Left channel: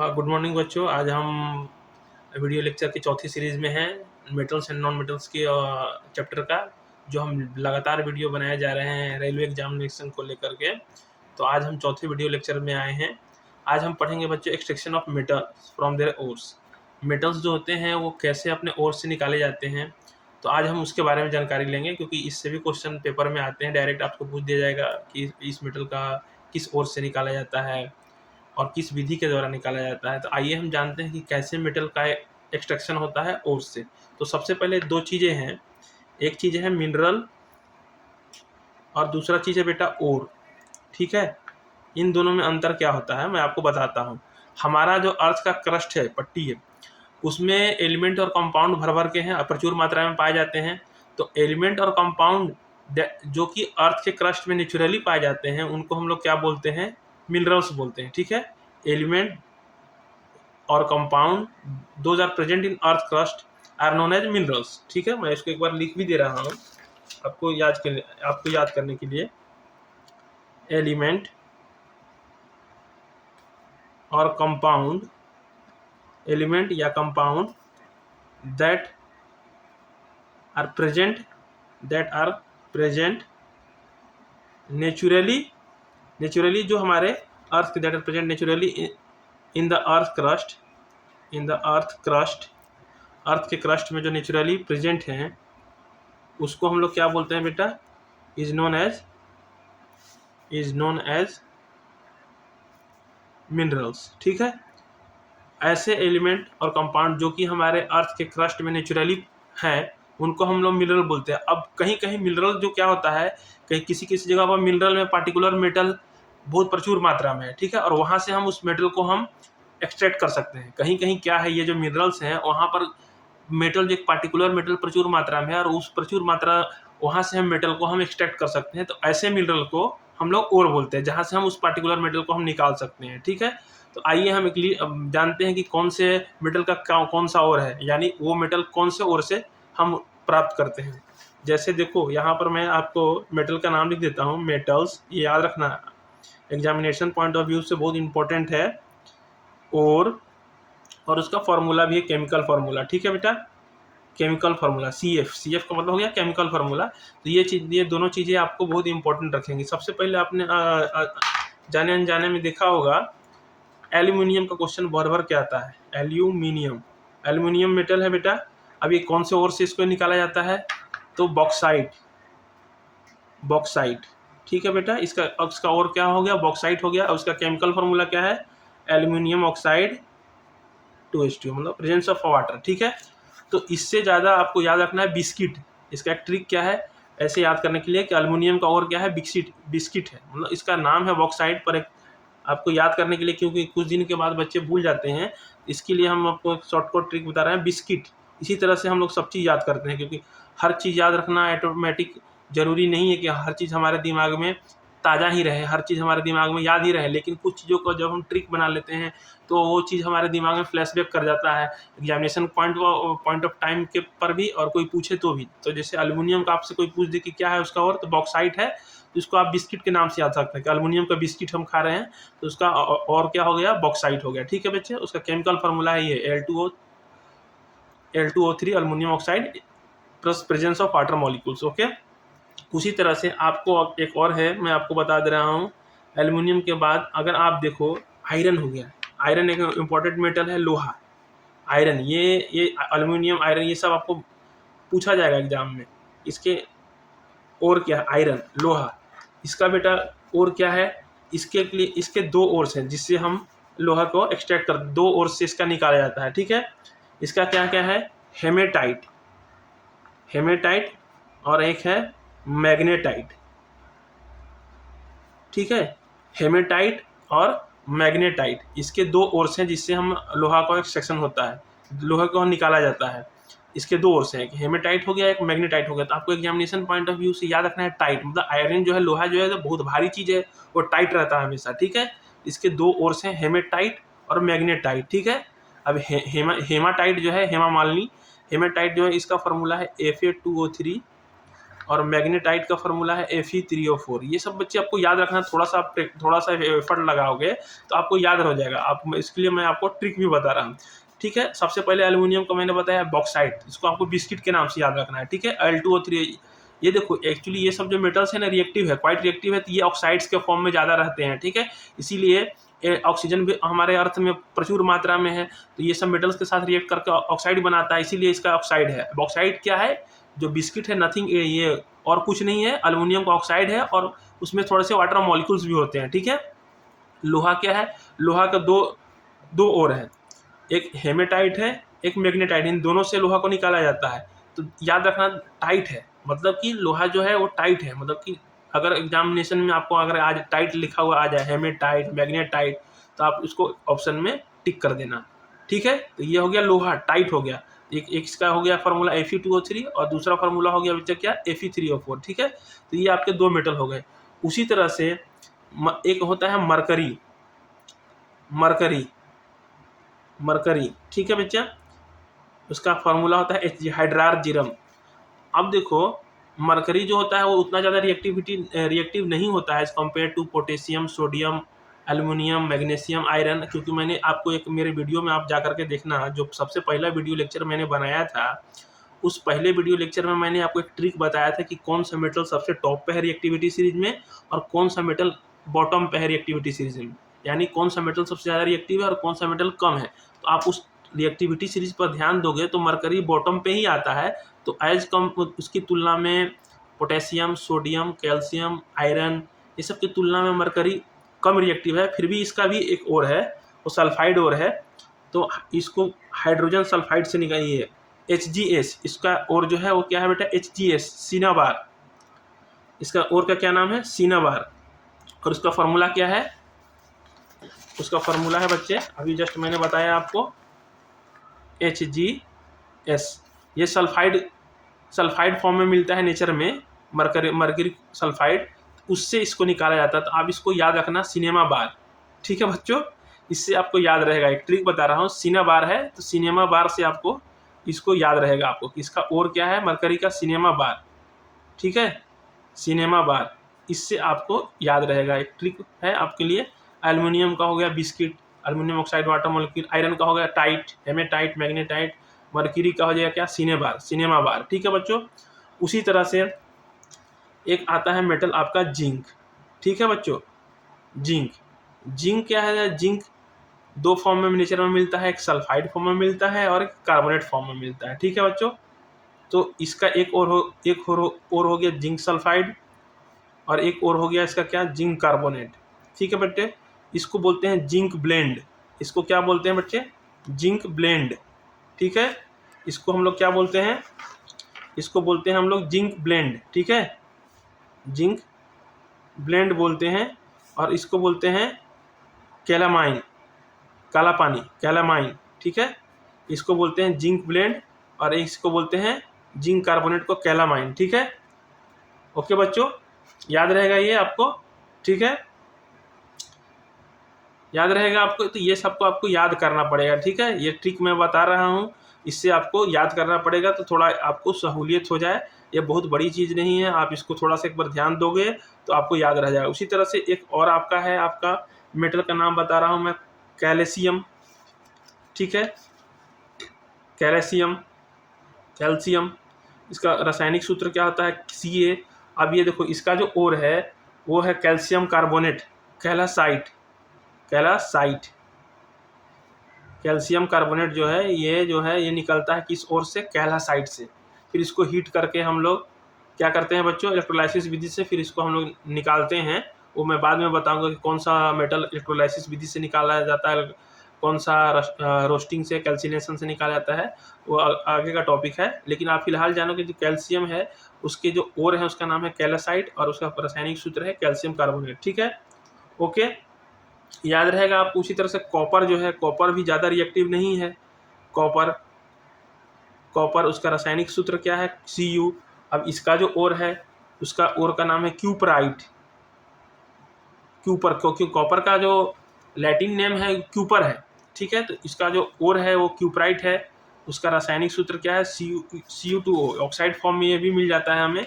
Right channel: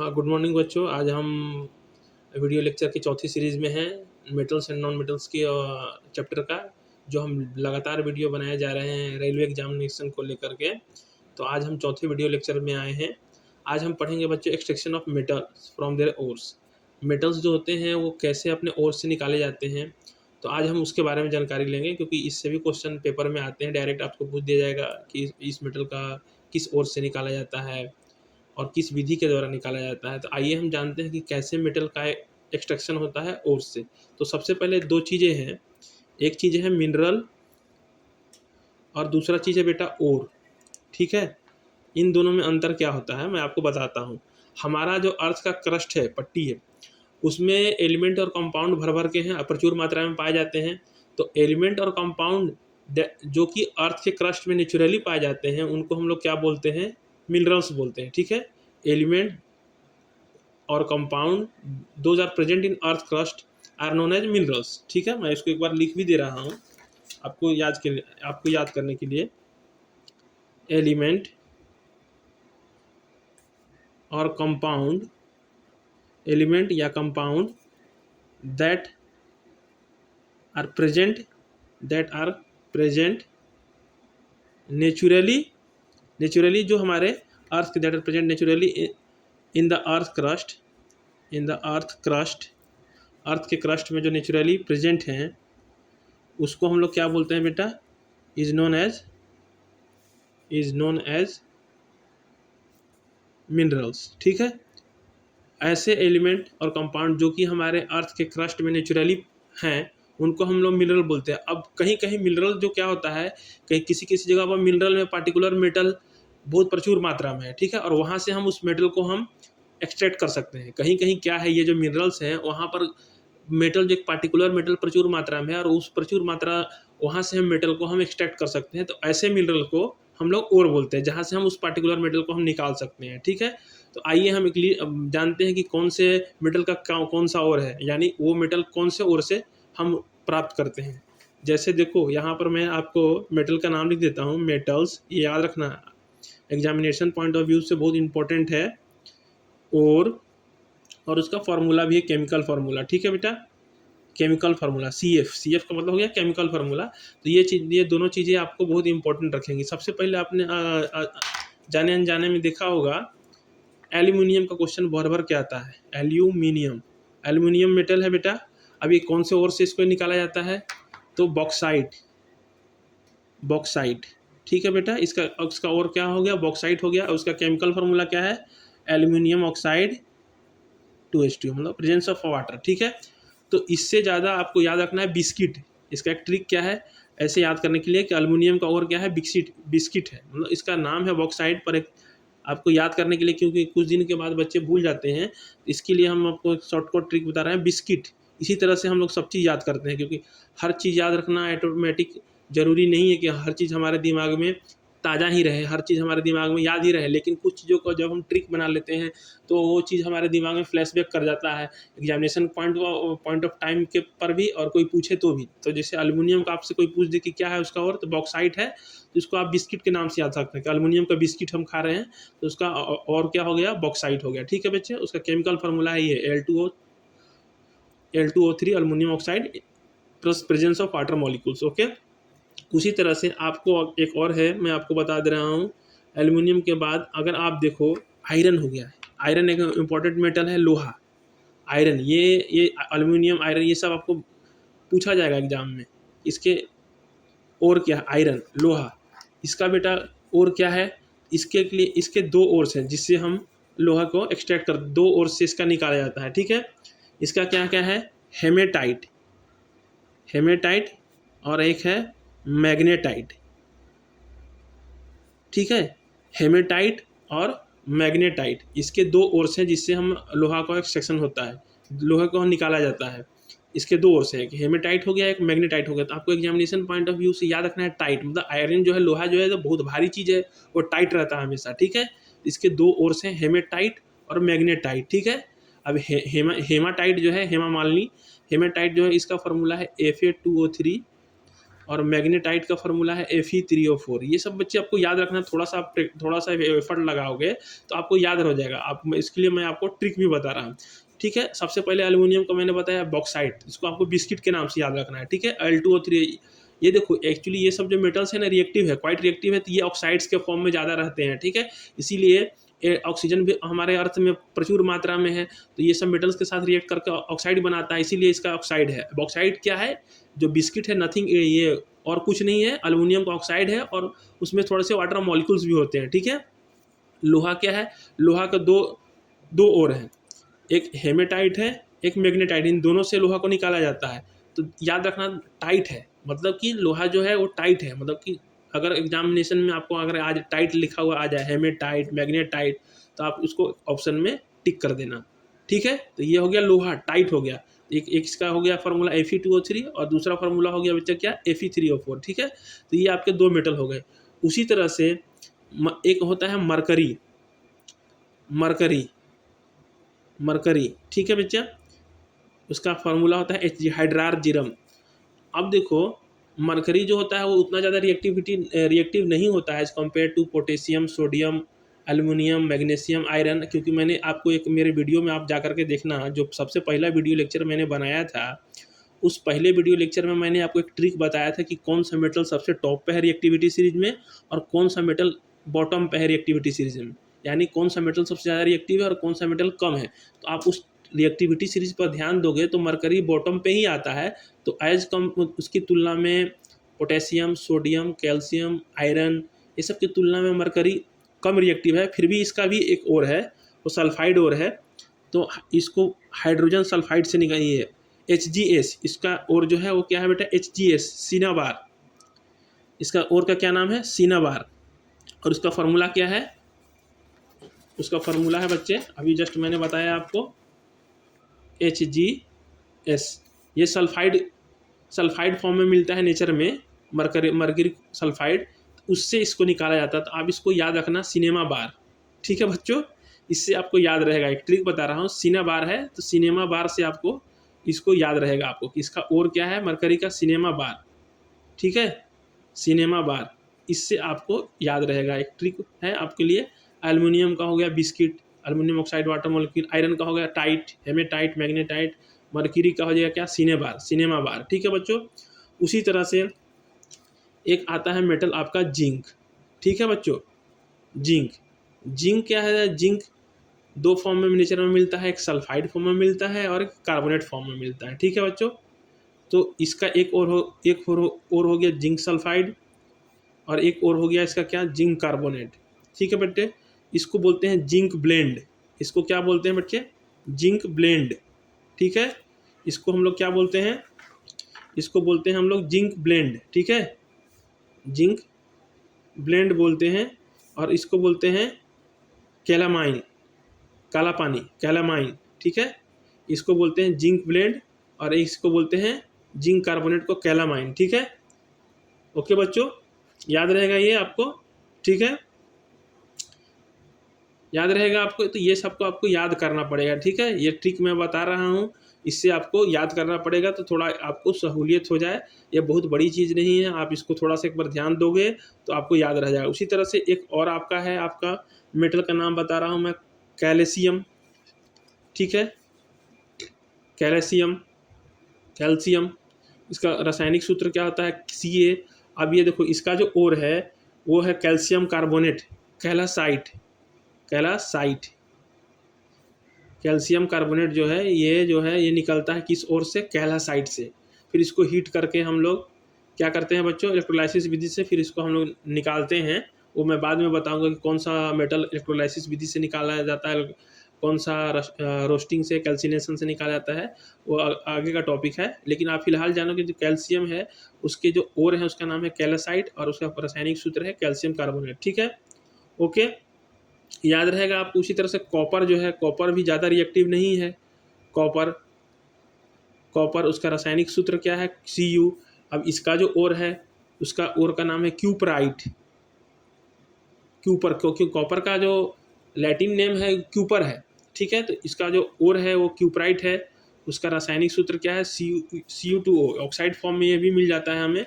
हाँ, good morning बच्चों। आज हम वीडियो लेक्चर की चौथी सीरीज़ में हैं, मेटल्स एंड नॉन मेटल्स के चैप्टर का, जो हम लगातार वीडियो बनाए जा रहे हैं रेलवे एग्जामिनेशन को लेकर के। तो आज हम चौथे वीडियो लेक्चर में आए हैं। आज हम पढ़ेंगे बच्चों extraction of metals from their ores. Metals जो होते हैं वो कैसे अपने ओर से निकाले जाते हैं, तो आज हम उसके बारे में जानकारी लेंगे, क्योंकि इससे भी क्वेश्चन पेपर में आते हैं। डायरेक्ट आपको पूछ दिया जाएगा कि इस मेटल का किस ओर से निकाला जाता है और किस विधि के द्वारा निकाला जाता है। तो आइए हम जानते हैं कि कैसे मेटल का एक्सट्रैक्शन होता है ओर से। तो सबसे पहले दो चीज़ें हैं, एक चीज़ है मिनरल और दूसरा चीज़ है बेटा ओर। ठीक है, इन दोनों में अंतर क्या होता है मैं आपको बताता हूँ। हमारा जो अर्थ का क्रस्ट है, पट्टी है, उसमें एलिमेंट और कंपाउंड भर भर के हैं, प्रचुर मात्रा में पाए जाते हैं। तो एलिमेंट और कंपाउंड जो कि अर्थ के क्रस्ट में नेचुरली पाए जाते हैं, उनको हम लोग क्या बोलते हैं? मिनरल्स बोलते हैं। ठीक है, एलिमेंट और compound those are present in earth crust are known as minerals. ठीक है, मैं इसको एक बार लिख भी दे रहा हूँ आपको याद करने के लिए। एलिमेंट और कंपाउंड, एलिमेंट या compound that are present naturally जो हमारे earth that are present naturally in the earth crust, earth के क्रस्ट में जो नेचुरली प्रेजेंट हैं, उसको हम लोग क्या बोलते हैं बेटा? Is known as minerals. ठीक है, ऐसे एलिमेंट और कंपाउंड जो कि हमारे अर्थ के क्रस्ट में नेचुरली हैं, उनको हम लोग मिनरल बोलते हैं। अब कहीं कहीं मिनरल जो क्या होता है, कहीं किसी किसी जगह पर मिनरल में पार्टिकुलर मेटल बहुत प्रचुर मात्रा में है। ठीक है, और वहाँ से हम उस मेटल को हम एक्सट्रैक्ट कर सकते हैं। कहीं कहीं क्या है, ये जो मिनरल्स हैं वहाँ पर मेटल, जो एक पार्टिकुलर मेटल प्रचुर मात्रा में है, और उस प्रचुर मात्रा वहाँ से हम मेटल को हम एक्सट्रैक्ट कर सकते हैं। तो ऐसे मिनरल को हम लोग ओर बोलते हैं, जहाँ से हम उस पार्टिकुलर मेटल को हम निकाल सकते हैं। ठीक है, तो आइए हम जानते हैं कि कौन से मेटल का कौन सा ओर है, यानी वो मेटल कौन से ओर से हम प्राप्त करते हैं। जैसे देखो, यहाँ पर मैं आपको मेटल का नाम लिख देता हूँ, मेटल्स, ये याद रखना, एग्जामिनेशन पॉइंट ऑफ व्यू से बहुत इंपॉर्टेंट है। और उसका फॉर्मूला भी है, केमिकल फार्मूला। ठीक है बेटा, केमिकल फार्मूला CF का मतलब हो गया केमिकल फार्मूला। तो ये दोनों चीज़ें आपको बहुत इंपॉर्टेंट रखेंगी। सबसे पहले आपने जाने अनजाने में देखा होगा, एल्यूमिनियम का क्वेश्चन भर भर के आता है। एल्यूमिनियम मेटल है बेटा। अब ये कौन से ओर से इसको निकाला जाता है? तो बॉक्साइट। ठीक है बेटा, इसका और क्या हो गया? बॉक्साइट हो गया। और उसका केमिकल फार्मूला क्या है? एल्यूमिनियम ऑक्साइड 2H2, मतलब प्रेजेंस ऑफ वाटर। ठीक है, तो इससे ज़्यादा आपको याद रखना है बिस्किट। इसका एक ट्रिक क्या है ऐसे याद करने के लिए कि एल्युमिनियम का और क्या है? बिस्किट है, मतलब इसका नाम है बॉक्साइट। पर एक आपको याद करने के लिए, क्योंकि कुछ दिन के बाद बच्चे भूल जाते हैं, इसके लिए हम आपको एक शॉर्टकट ट्रिक बता रहे हैं, बिस्किट। इसी तरह से हम लोग सब चीज़ याद करते हैं, क्योंकि हर चीज़ याद रखना ऑटोमेटिक ज़रूरी नहीं है कि हर चीज़ हमारे दिमाग में ताज़ा ही रहे, हर चीज़ हमारे दिमाग में याद ही रहे। लेकिन कुछ चीज़ों को जब हम ट्रिक बना लेते हैं, तो वो चीज़ हमारे दिमाग में फ्लैशबैक कर जाता है एग्जामिनेशन पॉइंट ऑफ टाइम के पर भी, और कोई पूछे तो भी। तो जैसे एल्युमिनियम का आपसे कोई पूछ दे कि क्या है उसका और, तो बॉक्साइट है, तो इसको आप बिस्किट के नाम से याद सकते हैं कि एल्युमिनियम का बिस्किट हम खा रहे हैं, तो उसका और क्या हो गया? बॉक्साइट हो गया। ठीक है बच्चे, उसका केमिकल फार्मूला है ये L2O3 aluminium oxide plus presence of water molecules. Okay, उसी तरह से आपको एक और है, मैं आपको बता दे रहा हूँ। एल्युमिनियम के बाद अगर आप देखो, आयरन हो गया। आयरन एक इम्पॉर्टेंट मेटल है, लोहा। आयरन, ये एल्युमिनियम, आयरन, ये सब आपको पूछा जाएगा एग्जाम में। इसके और क्या है? आयरन, लोहा। इसका बेटा और क्या है? इसके लिए इसके दो ओर्स हैं, जिससे हम लोहा को एक्सट्रैक्ट कर, दो ओर से इसका निकाला जाता है। ठीक है, इसका क्या क्या है? हेमेटाइट और एक है मैग्नेटाइट। ठीक है, हेमेटाइट और मैग्नेटाइट, इसके दो ओर्स हैं, जिससे हम लोहा का एक्सट्रैक्शन होता है, लोहा को निकाला जाता है। इसके दो ओर्स हैं, एक हेमेटाइट हो गया, एक मैग्नेटाइट हो गया। तो आपको एग्जामिनेशन पॉइंट ऑफ व्यू से याद रखना है टाइट, मतलब आयरन जो है, लोहा जो है, तो बहुत भारी चीज़ है, वो टाइट रहता है हमेशा। ठीक है, इसके दो ओर्स हैं, हेमेटाइट और मैग्नेटाइट। ठीक है, अब हेमाटाइट जो है, हेमा मालिनी, हेमेटाइट जो है, इसका फॉर्मूला है Fa2O3 और मैग्नेटाइट का फार्मूला है Fe3O4। ये सब बच्चे आपको याद रखना, थोड़ा सा एफर्ट लगाओगे तो आपको याद हो जाएगा। आप इसके लिए मैं आपको ट्रिक भी बता रहा हूँ, ठीक है। सबसे पहले एल्यूमिनियम का मैंने बताया बॉक्साइट, इसको आपको बिस्किट के नाम से याद रखना है, ठीक है। Al2O3। ये देखो एक्चुअली ये सब जो मेटल्स है ना रिएक्टिव है, क्वाइट रिएक्टिव है, तो ये ऑक्साइड्स के फॉर्म में ज़्यादा रहते हैं, ठीक है। इसीलिए ऑक्सीजन भी हमारे अर्थ में प्रचुर मात्रा में है, तो ये सब मेटल्स के साथ रिएक्ट करके ऑक्साइड बनाता है, इसीलिए इसका ऑक्साइड है। बॉक्साइट क्या है, जो बिस्किट है, नथिंग ये और कुछ नहीं है, एल्युमिनियम का ऑक्साइड है और उसमें थोड़े से वाटर मॉलिक्यूल्स भी होते हैं, ठीक है। लोहा क्या है, लोहा का दो ओर है, एक हेमेटाइट है, एक मैग्नेटाइट, इन दोनों से लोहा को निकाला जाता है। तो याद रखना टाइट है, मतलब कि लोहा जो है वो टाइट है, मतलब कि अगर एग्जामिनेशन में आपको अगर आज टाइट लिखा हुआ आ जाए, हेमेटाइट, मैग्नेटाइट, तो आप उसको ऑप्शन में टिक कर देना, ठीक है। तो ये हो गया लोहा, टाइट हो गया। एक इसका हो गया फार्मूला Fe2O3 और दूसरा फार्मूला हो गया बच्चा क्या, Fe3O4, ठीक है। तो ये आपके दो मेटल हो गए। उसी तरह से एक होता है मरकरी, मरकरी, ठीक है बच्चा। उसका फार्मूला होता है Hg, हाइड्रार्जिरम। अब देखो मरकरी जो होता है वो उतना ज़्यादा रिएक्टिव नहीं होता है as compare to potassium, sodium, aluminium, magnesium, iron. क्योंकि मैंने आपको एक मेरे वीडियो में आप जा करके देखना, जो सबसे पहला वीडियो लेक्चर मैंने बनाया था, उस पहले वीडियो लेक्चर में मैंने आपको एक ट्रिक बताया था कि कौन सा मेटल सबसे टॉप पे है रिएक्टिविटी सीरीज में और कौन सा मेटल बॉटम पे है रिएक्टिविटी सीरीज में, यानी कौन सा मेटल सबसे ज़्यादा रिएक्टिव है और कौन सा मेटल कम है। तो आप उस रिएक्टिविटी सीरीज पर ध्यान दोगे तो मरकरी बॉटम पे ही आता है। तो एज कम उसकी तुलना में पोटेशियम, सोडियम, कैल्शियम, आयरन, ये सब की तुलना में मरकरी कम रिएक्टिव है। फिर भी इसका भी एक और है, वो सल्फाइड और है, तो इसको हाइड्रोजन सल्फाइड से निकालिए HgS। इसका और जो है वो क्या है बेटा, HgS, सिनाबार। इसका और का क्या नाम है, सिनाबार। और उसका फार्मूला क्या है, उसका फार्मूला है बच्चे अभी जस्ट मैंने बताया आपको, HgS। ये सल्फाइड फॉर्म में मिलता है नेचर में, मरकरी सल्फाइड, उससे इसको निकाला जाता है। तो आप इसको याद रखना, सिनेमा बार, ठीक है बच्चों। इससे आपको याद रहेगा, एक ट्रिक बता रहा हूँ, सिनेमा बार है तो सिनेमा बार से आपको इसको याद रहेगा आपको कि इसका और क्या है, मरकरी का सिनेमा बार, ठीक है, सिनेमा बार। इससे आपको याद रहेगा, एक ट्रिक है आपके लिए। एल्युमिनियम का हो गया biscuit, aluminium oxide, water molecule. Iron का हो गया टाइट, हेमेटाइट, मैग्नेटाइट। मरकरी का हो जाएगा क्या, सिनेमा बार, ठीक है बच्चों। उसी तरह से एक आता है मेटल आपका जिंक, ठीक है बच्चों। जिंक क्या है, जिंक दो फॉर्म में नेचर में मिलता है, एक सल्फाइड फॉर्म में मिलता है और एक कार्बोनेट फॉर्म में मिलता है, ठीक है बच्चों। तो इसका एक और हो गया जिंक सल्फाइड और एक और हो गया इसका क्या, जिंक कार्बोनेट, ठीक है बच्चे। इसको बोलते हैं जिंक ब्लेंड। इसको क्या बोलते हैं बच्चे, जिंक ब्लेंड, ठीक है। इसको हम लोग क्या बोलते हैं, इसको बोलते हैं हम लोग जिंक ब्लेंड, ठीक है, जिंक ब्लेंड बोलते हैं। और इसको बोलते हैं कैलामाइन, काला पानी, कैलामाइन, ठीक है। इसको बोलते हैं जिंक ब्लेंड और इसको बोलते हैं जिंक कार्बोनेट को कैलामाइन, ठीक है। ओके बच्चों, याद रहेगा ये आपको, ठीक है, याद रहेगा आपको। तो ये सबको आपको याद करना पड़ेगा, ठीक है। ये ट्रिक मैं बता रहा हूँ, इससे आपको याद करना पड़ेगा तो थोड़ा आपको सहूलियत हो जाए। ये बहुत बड़ी चीज़ नहीं है, आप इसको थोड़ा सा एक बार ध्यान दोगे तो आपको याद रह जाएगा। उसी तरह से एक और आपका है, आपका मेटल का नाम बता रहा हूँ मैं, कैल्शियम, ठीक है, कैल्शियम, इसका रासायनिक सूत्र क्या होता है, Ca। अब ये देखो इसका जो ओर है वो है कैल्शियम कार्बोनेट, कैलासाइट। कैल्शियम कार्बोनेट जो है ये निकलता है किस ओर से, कैलासाइट से। फिर इसको हीट करके हम लोग क्या करते हैं बच्चों, इलेक्ट्रोलाइसिस विधि से फिर इसको हम लोग निकालते हैं। वो मैं बाद में बताऊंगा कि कौन सा मेटल इलेक्ट्रोलाइसिस विधि से निकाला जाता है, कौन सा रोस्टिंग से, कैल्सिनेशन से निकाला जाता है, वो आगे का टॉपिक है। लेकिन आप फिलहाल जानो कि जो कैल्शियम है उसके जो ओर है उसका नाम है कैलासाइट और उसका रासायनिक सूत्र है कैल्शियम कार्बोनेट, ठीक है। ओके, याद रहेगा आप। उसी तरह से कॉपर जो है, कॉपर भी ज़्यादा रिएक्टिव नहीं है। कॉपर उसका रासायनिक सूत्र क्या है, Cu। अब इसका जो ओर है उसका ओर का नाम है क्यूपराइट, क्योंकि कॉपर का जो लैटिन नेम है क्यूपर है, ठीक है। तो इसका जो ओर है वो क्यूपराइट है। उसका रासायनिक सूत्र क्या है, Cu2O। ऑक्साइड फॉर्म में ये भी मिल जाता है हमें,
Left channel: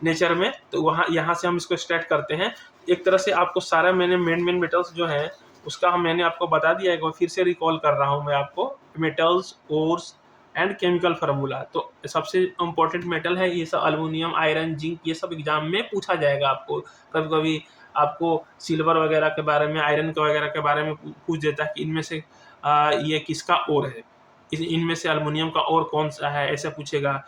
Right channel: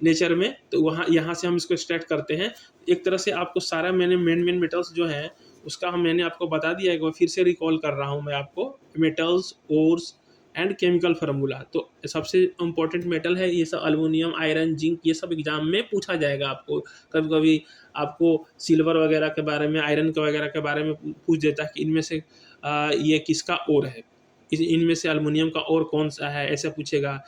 नेचर में, तो वहाँ यहाँ से हम इसको एक्सट्रैक्ट करते हैं। एक तरह से आपको सारा मैंने मेन मेटल्स जो है उसका मैंने आपको बता दिया है, एक बार फिर से रिकॉल कर रहा हूँ मैं आपको। Metals, ores and chemical formula. तो सबसे इम्पोर्टेंट मेटल है ये सब, अल्युमिनियम, आयरन, जिंक, ये सब एग्जाम में पूछा जाएगा आपको। कभी कभी आपको सिल्वर वगैरह के बारे में, आयरन के वगैरह के बारे में पूछ देता है कि इनमें से ये किसका ओर है, इनमें से अल्युमिनियम का ओर कौन सा है, ऐसा पूछेगा।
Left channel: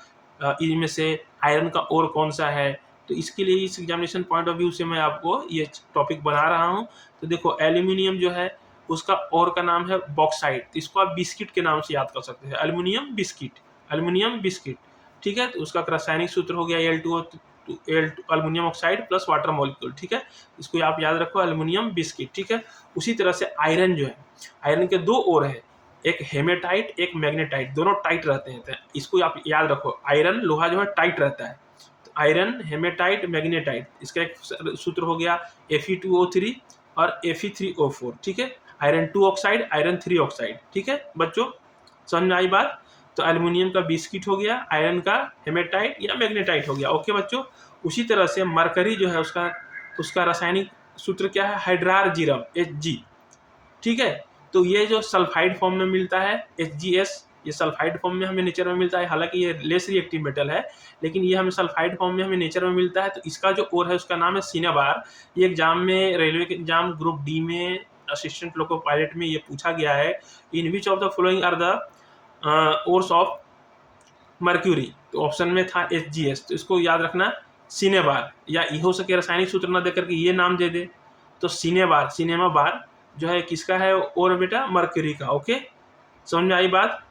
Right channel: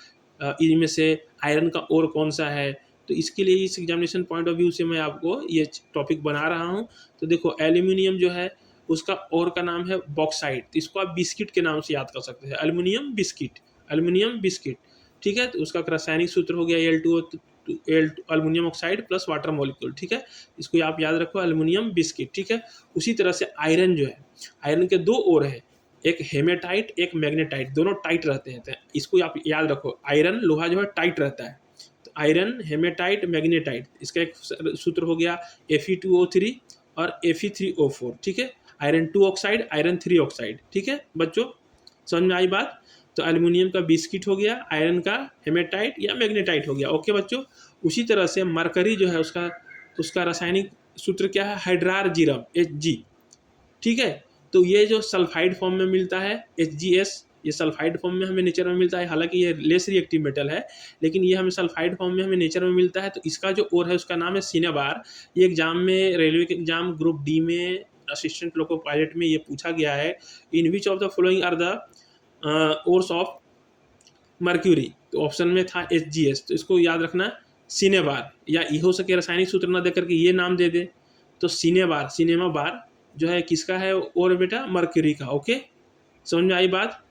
इनमें से आयरन का ओर कौन सा है। तो इसके लिए इस एग्जामिनेशन पॉइंट ऑफ व्यू से मैं आपको ये टॉपिक बना रहा हूँ। तो देखो एल्यूमिनियम जो है उसका ओर का नाम है बॉक्साइट। इसको आप बिस्किट के नाम से याद कर सकते हैं, एल्यूमिनियम बिस्किट, एल्यूमिनियम बिस्किट। ठीक है, तो उसका रासायनिक सूत्र हो गया Al2O, aluminium oxide plus water molecule. ठीक है, इसको आप याद रखो, एल्यूमिनियम बिस्किट। ठीक है, उसी तरह से आयरन जो है, आयरन के दो ओर है, एक हेमेटाइट, एक मैग्नेटाइट, दोनों टाइट रहते हैं। तो इसको आप याद रखो, आयरन लोहा जो है टाइट रहता है। तो आयरन, हेमेटाइट, मैग्नेटाइट, इसका एक सूत्र हो गया Fe2O3 और Fe3O4। ठीक है, आयरन 2 ऑक्साइड, आयरन 3 ऑक्साइड। ठीक है बच्चों, समझ में आई बात। तो एल्यूमिनियम का बिस्किट हो गया, आयरन का हेमेटाइट या मैग्नेटाइट हो गया। ओके बच्चों, उसी तरह से मरकरी जो है उसका रासायनिक सूत्र क्या है, हाइड्रारजिरम, Hg। ठीक है, तो ये जो सल्फाइड फॉर्म में मिलता है HgS, ये सल्फाइड फॉर्म में हमें नेचर में मिलता है। हालांकि ये लेस रिएक्टिव मेटल है, लेकिन ये हमें सल्फाइड फॉर्म में हमें नेचर में मिलता है। तो इसका जो ओर है उसका नाम है सिनेबार। ये एग्जाम में, रेलवे के एग्जाम ग्रुप डी में, असिस्टेंट लोको पायलट में ये पूछा गया है, in which of the following are the ores of mercury. तो ऑप्शन में था HgS, तो इसको याद रखना सिनेबार, या ये हो सके रासायनिक सूत्र ना दे करके ये नाम दे दे। तो सिनेबार, सिनेमा बार जो है किसका है और बेटा, मर्क्यूरी का। ओके, समझ में आई बात,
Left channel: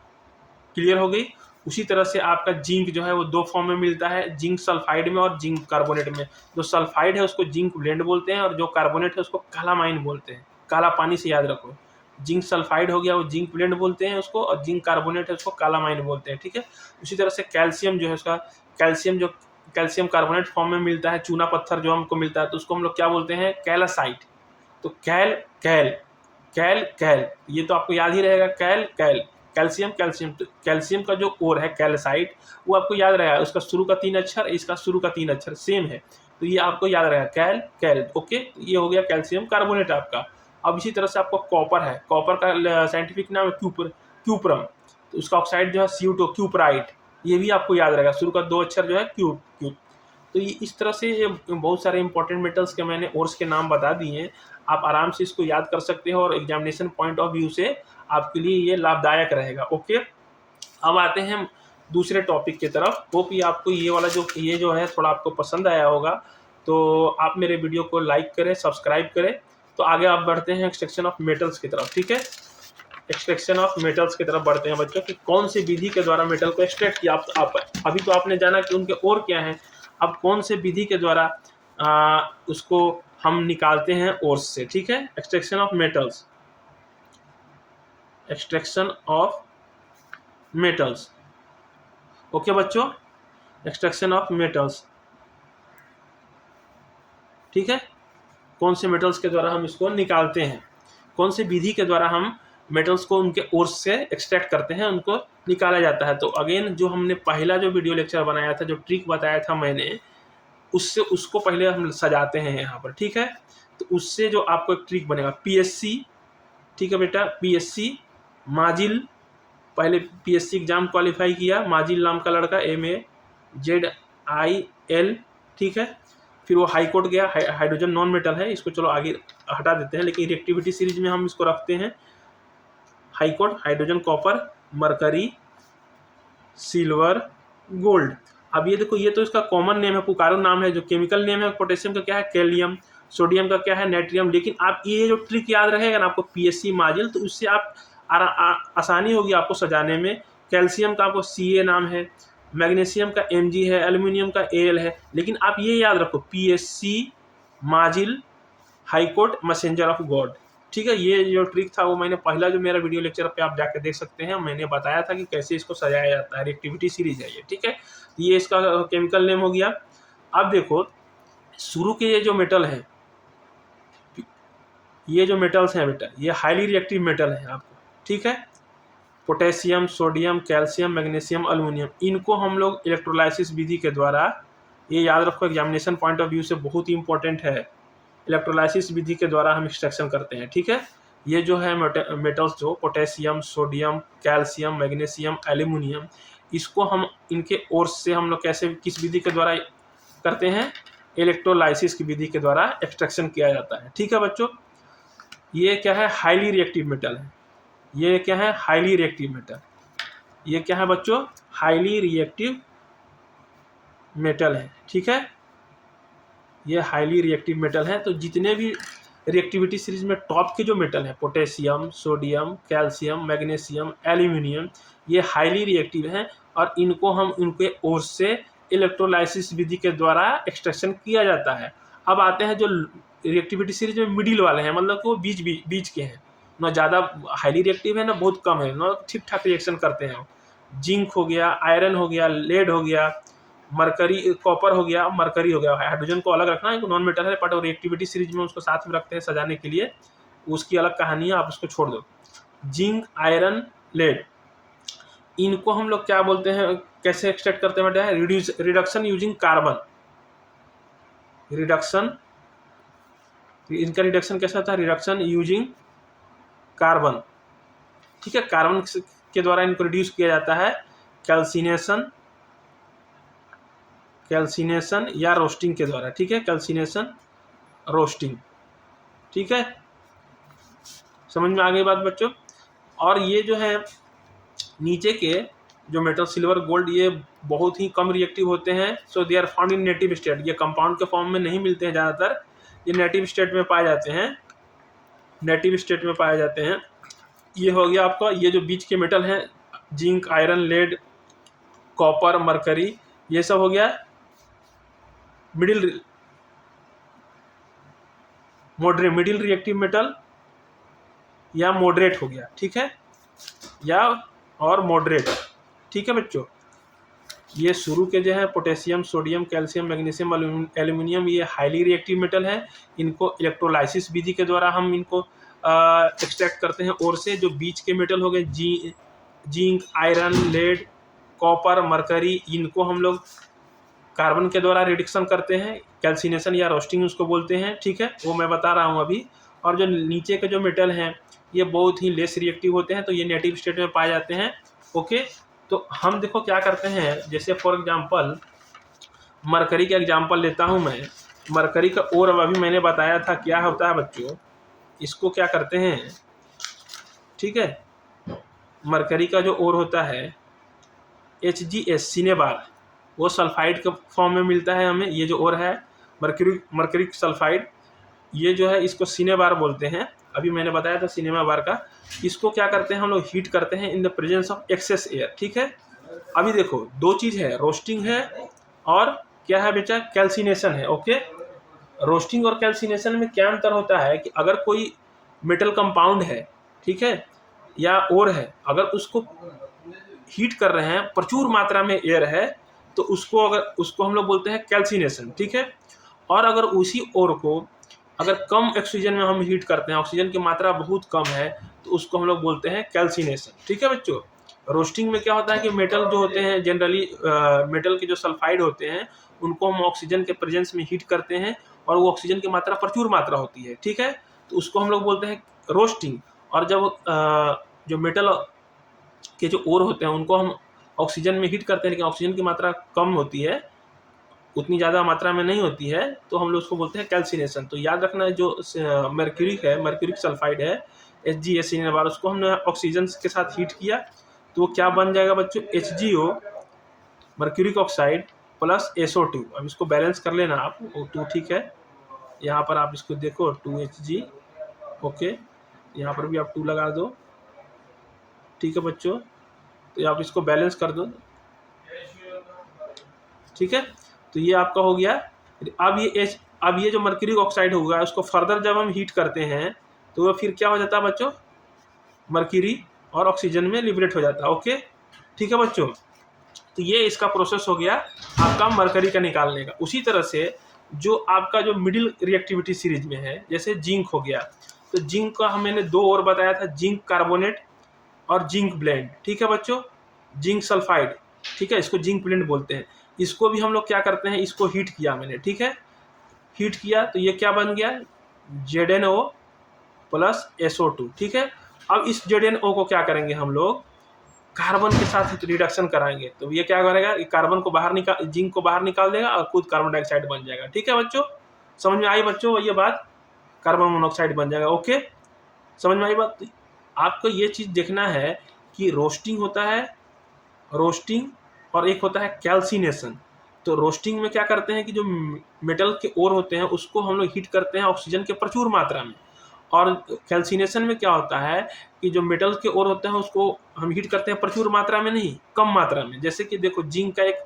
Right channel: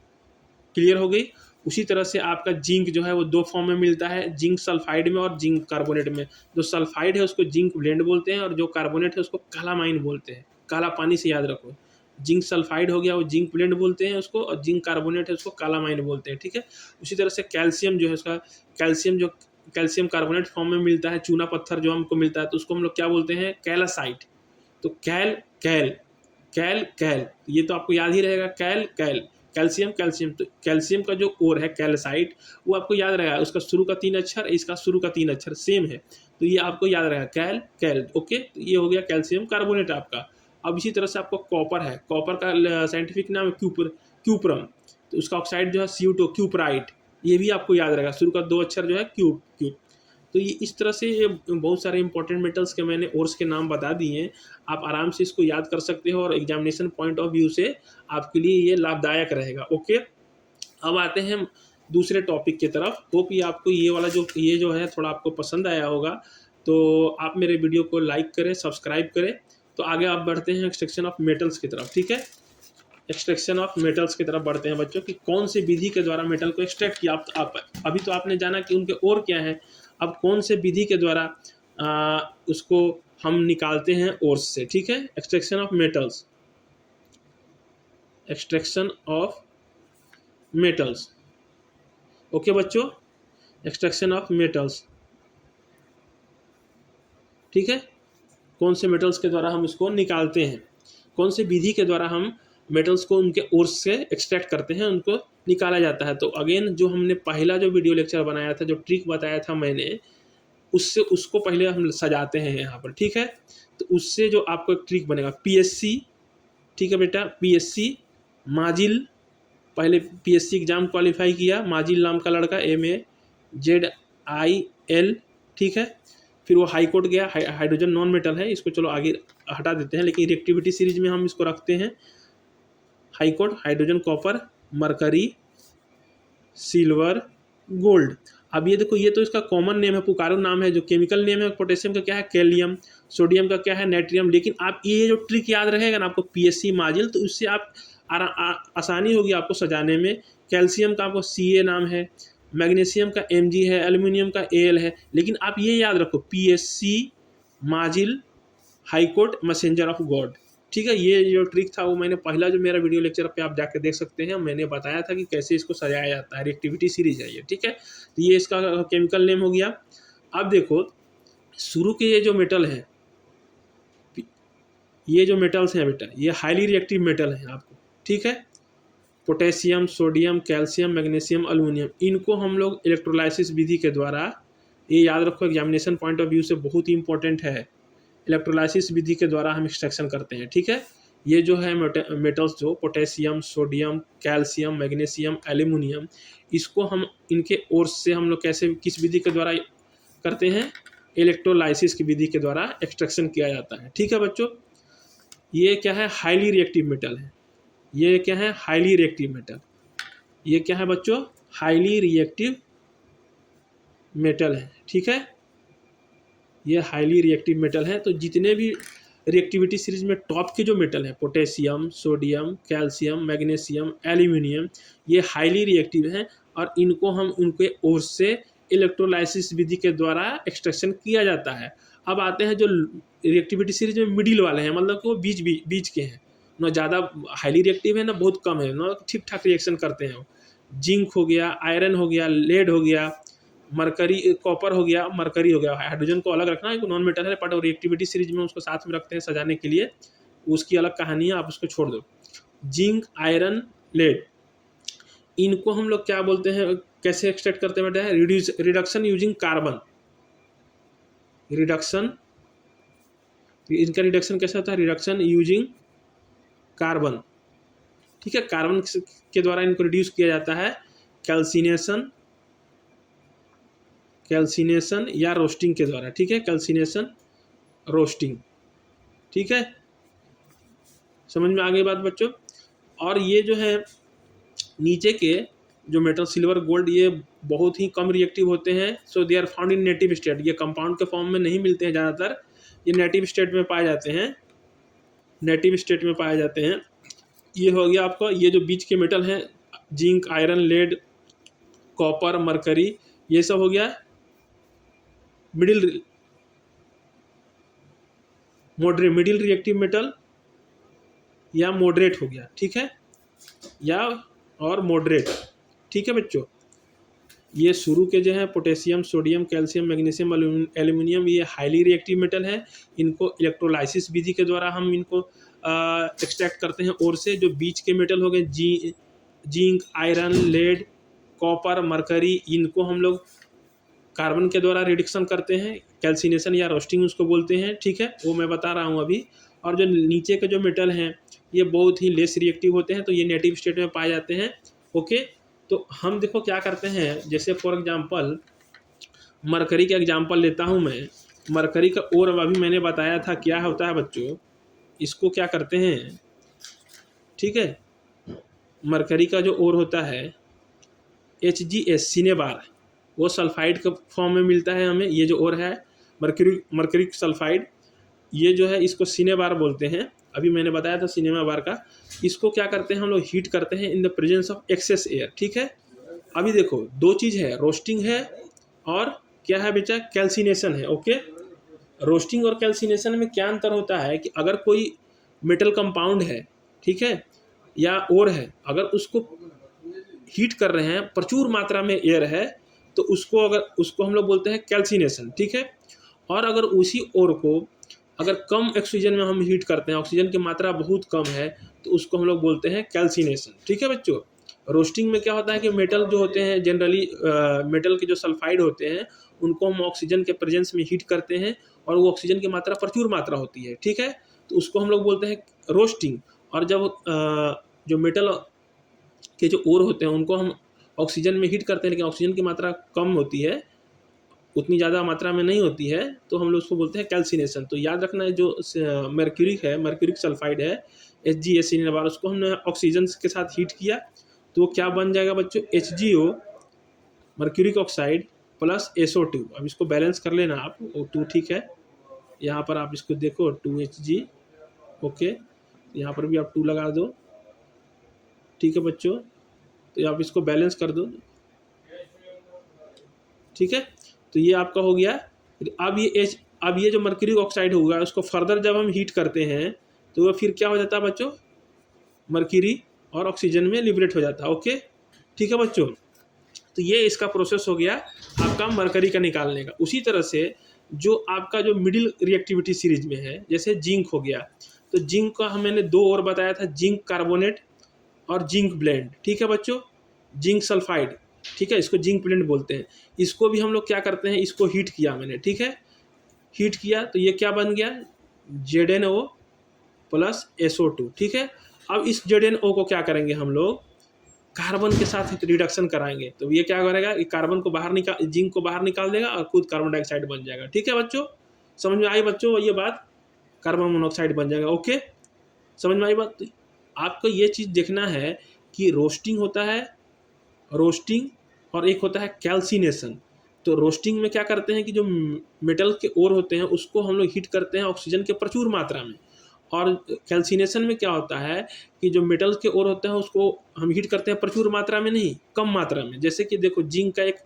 क्लियर हो गई। उसी तरह से आपका जिंक जो है वो दो फॉर्म में मिलता है, जिंक सल्फाइड में और जिंक कार्बोनेट में। जो सल्फाइड है उसको जिंक ब्लेंड बोलते हैं, और जो कार्बोनेट है उसको कालामाइन बोलते हैं, काला पानी से याद रखो। जिंक सल्फाइड हो गया वो जिंक ब्लेंड बोलते हैं उसको, और जिंक कार्बोनेट है उसको कालामाइन बोलते हैं। ठीक है, उसी तरह से कैल्शियम जो है उसका, कैल्शियम कार्बोनेट फॉर्म में मिलता है, चूना पत्थर जो हमको मिलता है, तो उसको हम लोग क्या बोलते हैं, कैलासाइट। तो कैल कैल कैल कैल, ये तो आपको याद ही रहेगा, कैल कैल, कैल्शियम कैल्शियम। तो कैल्शियम का जो ओर है कैल्साइट, वो आपको याद रहेगा, उसका शुरू का 3 अक्षर, इसका शुरू का 3 अक्षर सेम है, तो ये आपको याद रहेगा, कैल कैल। ओके, तो ये हो गया कैल्शियम कार्बोनेट आपका। अब इसी तरह से आपको कॉपर है, कॉपर का साइंटिफिक नाम है क्यूप्रम। तो उसका ऑक्साइड जो है CO2, क्यूपराइट, ये भी आपको याद रहेगा, शुरू का 2 अक्षर जो है क्यूब। तो ये इस तरह से ये बहुत सारे इंपॉर्टेंट मेटल्स के मैंने ओर्स के नाम बता दिए हैं। आप आराम से इसको याद कर सकते हो, और एग्जामिनेशन पॉइंट ऑफ व्यू से आपके लिए ये लाभदायक रहेगा। ओके, अब आते हैं दूसरे टॉपिक की तरफ। होप ये आपको ये वाला जो है थोड़ा आपको पसंद आया होगा। तो आप मेरे वीडियो को लाइक करें, सब्सक्राइब करें। तो आगे आप बढ़ते हैं एक्सट्रैक्शन ऑफ मेटल्स की तरफ। ठीक है, एक्सट्रैक्शन ऑफ मेटल्स की तरफ बढ़ते हैं बच्चों, कि कौन सी विधि के द्वारा मेटल को एक्सट्रैक्ट किया। आप अभी तो आपने जाना कि उनके और क्या है, अब कौन से विधि के द्वारा उसको हम निकालते हैं ओर्स से। ठीक है, extraction of metals, extraction of metals. Okay बच्चों, एक्सट्रैक्शन ऑफ मेटल्स। ठीक है, कौन से मेटल्स के द्वारा हम इसको निकालते हैं, कौन से विधि के द्वारा हम मेटल्स को उनके ओर्स से एक्सट्रैक्ट करते हैं, उनको निकाला जाता है। तो अगेन जो हमने पहला जो वीडियो लेक्चर बनाया था, जो ट्रिक बताया था मैंने, उसको पहले हम सजाते हैं यहाँ पर। ठीक है, तो उससे जो आपको एक ट्रिक बनेगा, PSC। ठीक है बेटा, PSC माजिल, पहले PSC एग्जाम क्वालिफाई किया, माजिल नाम का लड़का, MAZIL। ठीक है, फिर वो हाई कोर्ट गया, हाइड्रोजन नॉन मेटल है, इसको चलो आगे हटा देते हैं, लेकिन रिएक्टिविटी सीरीज में हम इसको रखते हैं। High court, hydrogen, copper, mercury, silver, gold. अब ये देखो, ये तो इसका कॉमन नेम है, पुकारू नाम है। जो केमिकल नेम है पोटेशियम का क्या है, कैलियम, सोडियम का क्या है, नेट्रियम। लेकिन आप ये जो ट्रिक याद रहेगा ना आपको, PSC माजिल, तो उससे आप आसानी होगी आपको सजाने में। कैल्शियम का आपको CA नाम है, मैग्नीशियम का MG है, एल्यूमिनियम का AL है। लेकिन आप ये याद रखो, PSC माजिल, high court, messenger of God. ठीक है, ये जो ट्रिक था वो मैंने पहला जो मेरा वीडियो लेक्चर पे आप जाकर देख सकते हैं, मैंने बताया था कि कैसे इसको सजाया जाता है। रिएक्टिविटी सीरीज है ये। ठीक है, तो ये इसका केमिकल नेम हो गया। अब देखो, शुरू के ये जो मेटल है, ये जो मेटल्स हैं बेटा, ये हाईली रिएक्टिव मेटल है आपको। ठीक है, potassium, sodium, calcium, magnesium, aluminium, इनको हम लोग इलेक्ट्रोलाइसिस विधि के द्वारा ये याद रखो, एग्जामिनेशन पॉइंट ऑफ व्यू से बहुत ही इंपॉर्टेंट है। इलेक्ट्रोलाइसिस विधि के द्वारा हम एक्सट्रैक्शन करते हैं, ठीक है। ये जो है मेटल्स, जो potassium, sodium, calcium, magnesium, aluminium, इसको हम इनके ओर्स से हम लोग कैसे, किस विधि के द्वारा करते हैं? इलेक्ट्रोलाइसिस की विधि के द्वारा एक्सट्रैक्शन किया जाता है, ठीक है बच्चों। ये क्या है? हाईली रिएक्टिव मेटल है। ये क्या है? Highly reactive metal. ये क्या है बच्चों? हाईली रिएक्टिव मेटल है, ठीक है। ये हाईली रिएक्टिव मेटल है। तो जितने भी रिएक्टिविटी सीरीज में टॉप की जो मेटल है, potassium, sodium, calcium, magnesium, aluminium, ये हाईली रिएक्टिव हैं और इनको हम उनके ओर से इलेक्ट्रोलाइसिस विधि के द्वारा एक्सट्रैक्शन किया जाता है। अब आते हैं जो रिएक्टिविटी सीरीज में मिडिल वाले हैं, मतलब वो बीच के हैं, ना ज़्यादा हाईली रिएक्टिव है ना बहुत कम है, ना ठीक ठाक रिएक्शन करते हैं। जिंक हो गया, आयरन हो गया, लेड हो गया, मरकरी, कॉपर हो गया, मरकरी हो गया। हाइड्रोजन को अलग रखना है, नॉन मेटल है, बट रिएक्टिविटी सीरीज में उसको साथ में रखते हैं सजाने के लिए, उसकी अलग कहानी है, आप उसको छोड़ दो। जिंक, आयरन, लेड, इनको हम लोग क्या बोलते हैं, कैसे एक्सट्रैक्ट करते हैं बेटा? Reduction using carbon. रिडक्शन, इनका रिडक्शन कैसा होता है? रिडक्शन यूजिंग कार्बन, ठीक है। कार्बन के द्वारा इनको रिड्यूस किया जाता है। कैल्सिनेशन या रोस्टिंग के द्वारा, ठीक है। कैल्सिनेशन, रोस्टिंग, ठीक है। समझ में आ गई बात बच्चों? और ये जो है नीचे के जो मेटल, सिल्वर, गोल्ड, ये बहुत ही कम रिएक्टिव होते हैं। So they are found in native state. ये कंपाउंड के फॉर्म में नहीं मिलते हैं ज़्यादातर, ये नेटिव स्टेट में पाए जाते हैं, नेटिव स्टेट में पाए जाते हैं। ये हो गया आपका, ये जो बीच के मेटल हैं, zinc, iron, lead, copper, mercury, ये सब हो गया मिडिल रिएक्टिव मेटल या मॉडरेट हो गया, ठीक है, या और मॉडरेट, ठीक है बच्चों। ये शुरू के जो है potassium, sodium, calcium, magnesium, aluminium, ये हाईली रिएक्टिव मेटल है। इनको इलेक्ट्रोलाइसिस विधि के द्वारा हम इनको एक्सट्रैक्ट करते हैं और से। जो बीच के मेटल हो गए, zinc, iron, lead, copper, mercury, इनको हम लोग कार्बन के द्वारा रिडक्शन करते हैं, कैल्सिनेशन या रोस्टिंग उसको बोलते हैं, ठीक है, वो मैं बता रहा हूँ अभी। और जो नीचे के जो मेटल हैं, ये बहुत ही लेस रिएक्टिव होते हैं, तो ये नेटिव स्टेट में पाए जाते हैं, ओके। तो हम देखो क्या करते हैं, जैसे फॉर एग्जांपल मरकरी का एग्जांपल लेता हूँ मैं। मरकरी का ओर अब अभी मैंने बताया था क्या होता है बच्चों, इसको क्या करते हैं, ठीक है। मरकरी का जो ओर होता है HgS, सिनेबार, वो सल्फाइड के फॉर्म में मिलता है हमें। ये जो ओर है मरकरी सल्फाइड, ये जो है इसको सिनेबार बोलते हैं। अभी मैंने बताया था सिनेमा बार का। इसको क्या करते हैं हम लोग, हीट करते हैं in the presence of excess air, ठीक है। अभी देखो दो चीज़ है, रोस्टिंग है और क्या है बेटा, कैल्सिनेशन है, ओके। रोस्टिंग और कैल्सिनेशन में क्या अंतर होता है कि अगर कोई मेटल कंपाउंड है, ठीक है, या ओर है, अगर उसको हीट कर रहे हैं, प्रचुर मात्रा में एयर है, तो उसको हम लोग बोलते हैं कैल्सिनेशन, ठीक है। और अगर उसी ओर को अगर कम ऑक्सीजन में हम हीट करते हैं, ऑक्सीजन की मात्रा बहुत कम है, तो उसको हम लोग बोलते हैं कैल्सिनेशन, ठीक है बच्चों। रोस्टिंग में क्या होता है कि मेटल जो होते हैं जनरली, मेटल के जो सल्फाइड होते हैं, उनको हम ऑक्सीजन के प्रेजेंस में हीट करते हैं और वो ऑक्सीजन की मात्रा प्रचुर मात्रा होती है, ठीक है, तो उसको हम लोग बोलते हैं रोस्टिंग। और जब जो मेटल के जो ओर होते हैं उनको हम ऑक्सीजन में हीट करते हैं, लेकिन ऑक्सीजन की मात्रा कम होती है, उतनी ज़्यादा मात्रा में नहीं होती है, तो हम लोग उसको बोलते हैं कैल्सिनेशन। तो याद रखना है, जो मर्क्यूरिक है, मर्क्यूरिक सल्फाइड है, HgS सिनेबार, उसको हमने ऑक्सीजन के साथ हीट किया, तो क्या बन जाएगा बच्चों, HgO, mercuric oxide plus SO2। अब इसको बैलेंस कर लेना आप, O2, ठीक है। यहाँ पर आप इसको देखो 2Hg, ओके, यहाँ पर भी आप 2 लगा दो, ठीक है बच्चों। तो आप इसको बैलेंस कर दो, ठीक है। तो ये आपका हो गया। अब ये जो मर्क्यूरिक ऑक्साइड होगा, उसको फर्दर जब हम हीट करते हैं, तो फिर क्या हो जाता है बच्चों, मर्क्यूरी और ऑक्सीजन में लिबरेट हो जाता है, ओके, ठीक है बच्चों। तो ये इसका प्रोसेस हो गया आपका मरकरी का निकालने का। उसी तरह से जो आपका जो मिडिल रिएक्टिविटी सीरीज में है, जैसे जिंक हो गया, तो जिंक का मैंने 2 और बताया था, जिंक कार्बोनेट और जिंक ब्लेंड, ठीक है बच्चों, जिंक सल्फाइड, ठीक है, इसको जिंक प्लेट बोलते हैं। इसको भी हम लोग क्या करते हैं, इसको हीट किया मैंने, ठीक है, हीट किया तो ये क्या बन गया, ZnO प्लस SO2, ठीक है। अब इस ZnO को क्या करेंगे हम लोग, कार्बन के साथ रिडक्शन कराएंगे, तो ये क्या करेगा, कार्बन को बाहर निकाल, जिंक को बाहर निकाल देगा और खुद कार्बन डाइऑक्साइड बन जाएगा। ठीक है बच्चों, समझ में आई बच्चों ये बात, कार्बन मोनोऑक्साइड बन जाएगा। ओके, समझ में आई बात। तो आपको ये चीज देखना है कि रोस्टिंग होता है, रोस्टिंग, और एक होता है कैल्सिनेशन। तो रोस्टिंग में क्या करते हैं कि जो मेटल के ओर होते हैं उसको हम लोग हीट करते हैं ऑक्सीजन के प्रचुर मात्रा में, और कैल्सिनेशन में क्या होता है कि जो मेटल के ओर होते हैं उसको हम हीट करते हैं प्रचुर मात्रा में नहीं, कम मात्रा में। जैसे कि देखो जिंक का एक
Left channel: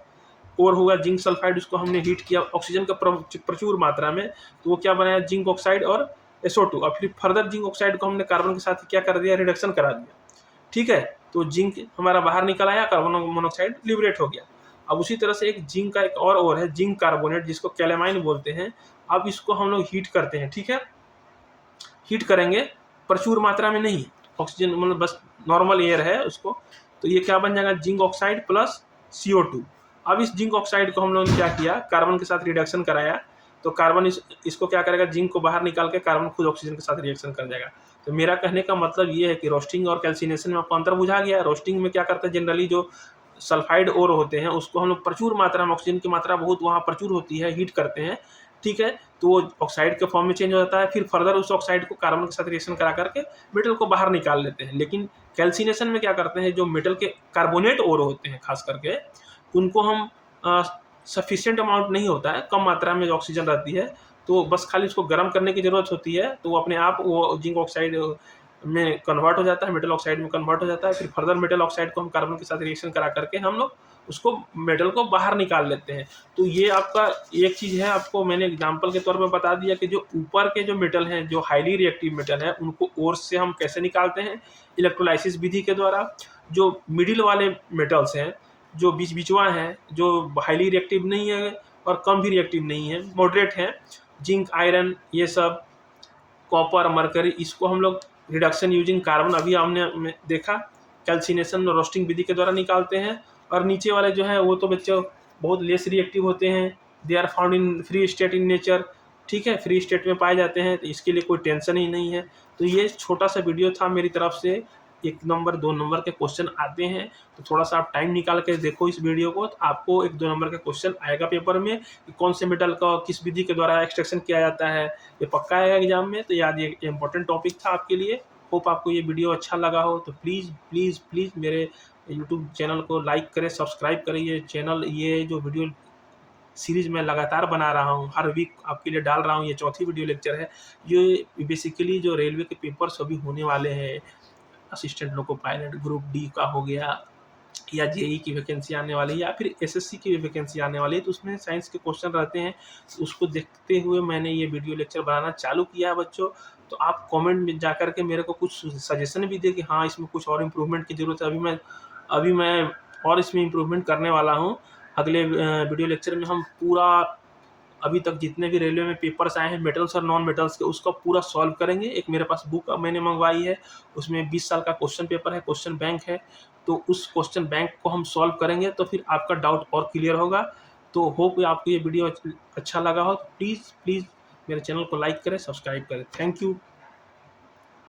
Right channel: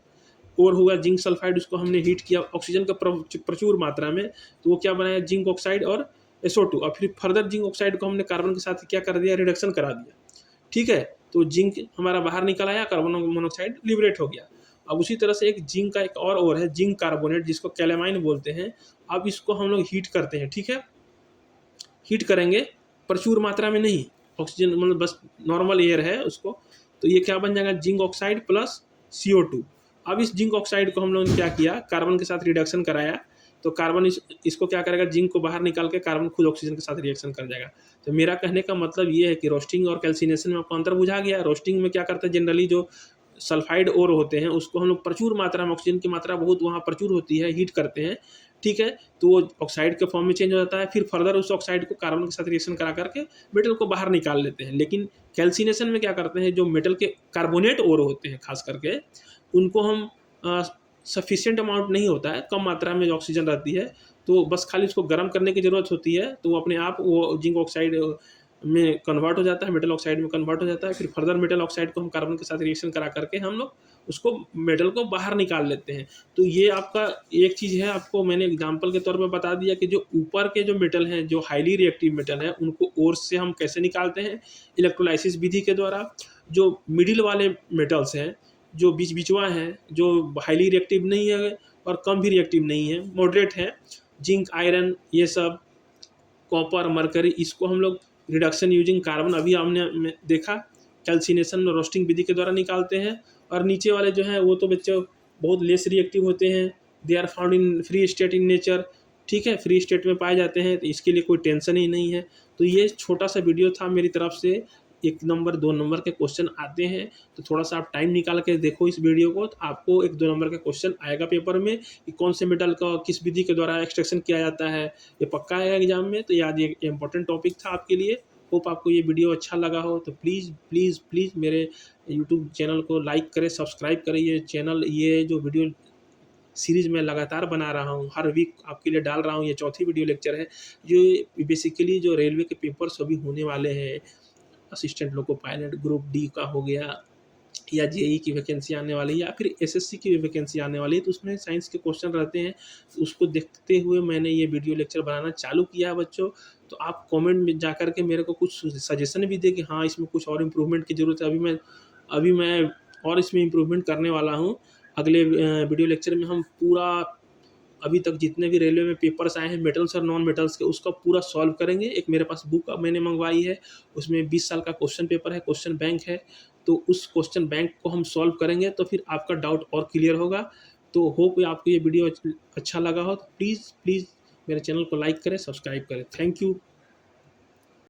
ओर हुआ जिंक सल्फाइड, उसको हमने हीट किया ऑक्सीजन का प्रचुर मात्रा में, तो वो क्या बनाया, जिंक ऑक्साइड और SO2, और फिर फर्दर जिंक ऑक्साइड को हमने कार्बन के साथ क्या कर दिया, रिडक्शन करा दिया। ठीक है, तो जिंक हमारा बाहर निकल आया, कार्बन मोनोऑक्साइड लिबरेट हो गया। अब उसी तरह से एक जिंक का एक और है जिंक कार्बोनेट, जिसको कैलेमाइन बोलते हैं। अब इसको हम लोग हीट करते हैं, ठीक है, हीट करेंगे प्रचुर मात्रा में नहीं, ऑक्सीजन मतलब बस नॉर्मल एयर है उसको, तो ये क्या बन जाएगा, जिंक ऑक्साइड प्लस CO2। अब इस जिंक ऑक्साइड को हम लोगों ने क्या किया, कार्बन के साथ रिडक्शन कराया, तो कार्बन इसको क्या करेगा, जिंक को बाहर निकाल के कार्बन खुद ऑक्सीजन के साथ रिएक्शन कर जाएगा। तो मेरा कहने का मतलब ये है कि रोस्टिंग और कैल्सिनेशन में आपको अंतर बुझा गया। रोस्टिंग में क्या करते हैं, जनरली जो सल्फाइड ओर होते हैं उसको हम लोग प्रचुर मात्रा में, ऑक्सीजन की मात्रा बहुत वहाँ प्रचुर होती है, हीट करते हैं, ठीक है, तो वो ऑक्साइड के फॉर्म में चेंज हो जाता है, फिर फर्दर उस ऑक्साइड को कार्बन के साथ रिएक्शन करा करके मेटल को बाहर निकाल लेते हैं। लेकिन कैल्सिनेशन में क्या करते हैं, जो मेटल के कार्बोनेट ओर होते हैं खास करके, उनको हम सफिशिएंट अमाउंट नहीं होता है, कम मात्रा में ऑक्सीजन रहती है, तो बस खाली उसको गर्म करने की ज़रूरत होती है, तो वो अपने आप वो जिंक ऑक्साइड में कन्वर्ट हो जाता है, मेटल ऑक्साइड में कन्वर्ट हो जाता है, फिर फर्दर मेटल ऑक्साइड को हम कार्बन के साथ रिएक्शन करा करके हम लोग उसको मेटल को बाहर निकाल लेते हैं। तो ये आपका एक चीज़ है, आपको मैंने एग्जांपल के तौर पे बता दिया कि जो ऊपर के जो मेटल हैं, जो हाईली रिएक्टिव मेटल है, उनको ओर से हम कैसे निकालते हैं, इलेक्ट्रोलाइसिस विधि के द्वारा। जो मिडिल वाले मेटल्स हैं, जो बीच बीचवा हैं, जो हाईली रिएक्टिव नहीं है और कम भी रिएक्टिव नहीं है, मॉडरेट हैं, जिंक, आयरन, ये सब, कॉपर, मरकरी, इसको हम लोग रिडक्शन यूजिंग कार्बन, अभी हमने देखा, कैल्सिनेशन रोस्टिंग विधि के द्वारा निकालते हैं। और नीचे वाले जो हैं वो तो बच्चों बहुत लेस रिएक्टिव होते हैं, they are found in free state in nature, ठीक है, फ्री स्टेट में पाए जाते हैं, तो इसके लिए कोई टेंशन ही नहीं है। तो ये छोटा सा वीडियो था मेरी तरफ से। 1 नंबर 2 नंबर के क्वेश्चन आते हैं, तो थोड़ा सा आप टाइम निकाल के देखो इस वीडियो को, तो आपको 1-2 नंबर का क्वेश्चन आएगा पेपर में कि कौन से मेटल का किस विधि के द्वारा एक्सट्रैक्शन किया जाता है, ये पक्का आएगा एग्जाम में। तो याद, ये इंपॉर्टेंट टॉपिक था आपके लिए। होप आपको ये वीडियो अच्छा लगा हो, तो प्लीज़ प्लीज़ प्लीज़ मेरे यूट्यूब चैनल को लाइक करें, सब्सक्राइब करें। ये चैनल, ये जो वीडियो सीरीज़ मैं लगातार बना रहा हूँ, हर वीक आपके लिए डाल रहा हूँ, ये चौथी वीडियो लेक्चर है। ये बेसिकली जो रेलवे के पेपर्स अभी होने वाले हैं, assistant loco pilot group D का हो गया, या जेई की वैकेंसी आने वाली है, या फिर एसएससी की वैकेंसी आने वाली है, तो उसमें साइंस के क्वेश्चन रहते हैं। तो उसको देखते हुए मैंने ये वीडियो लेक्चर बनाना चालू किया है बच्चों। तो आप कमेंट में जा कर के मेरे को कुछ सजेशन भी दें कि हाँ, इसमें कुछ और इम्प्रूवमेंट की ज़रूरत है। अभी मैं और इसमें इम्प्रूवमेंट करने वाला हूँ। अगले वीडियो लेक्चर में हम पूरा अभी तक जितने भी रेलवे में पेपर्स आए हैं मेटल्स और नॉन मेटल्स के, उसका पूरा सॉल्व करेंगे। एक मेरे पास बुक मैंने मंगवाई है, उसमें 20 साल का क्वेश्चन पेपर है, क्वेश्चन बैंक है, तो उस क्वेश्चन बैंक को हम सॉल्व करेंगे, तो फिर आपका डाउट और क्लियर होगा। तो होप आपको ये वीडियो अच्छा लगा हो, तो प्लीज़ प्लीज़ मेरे चैनल को लाइक करें, सब्सक्राइब करें। Thank you.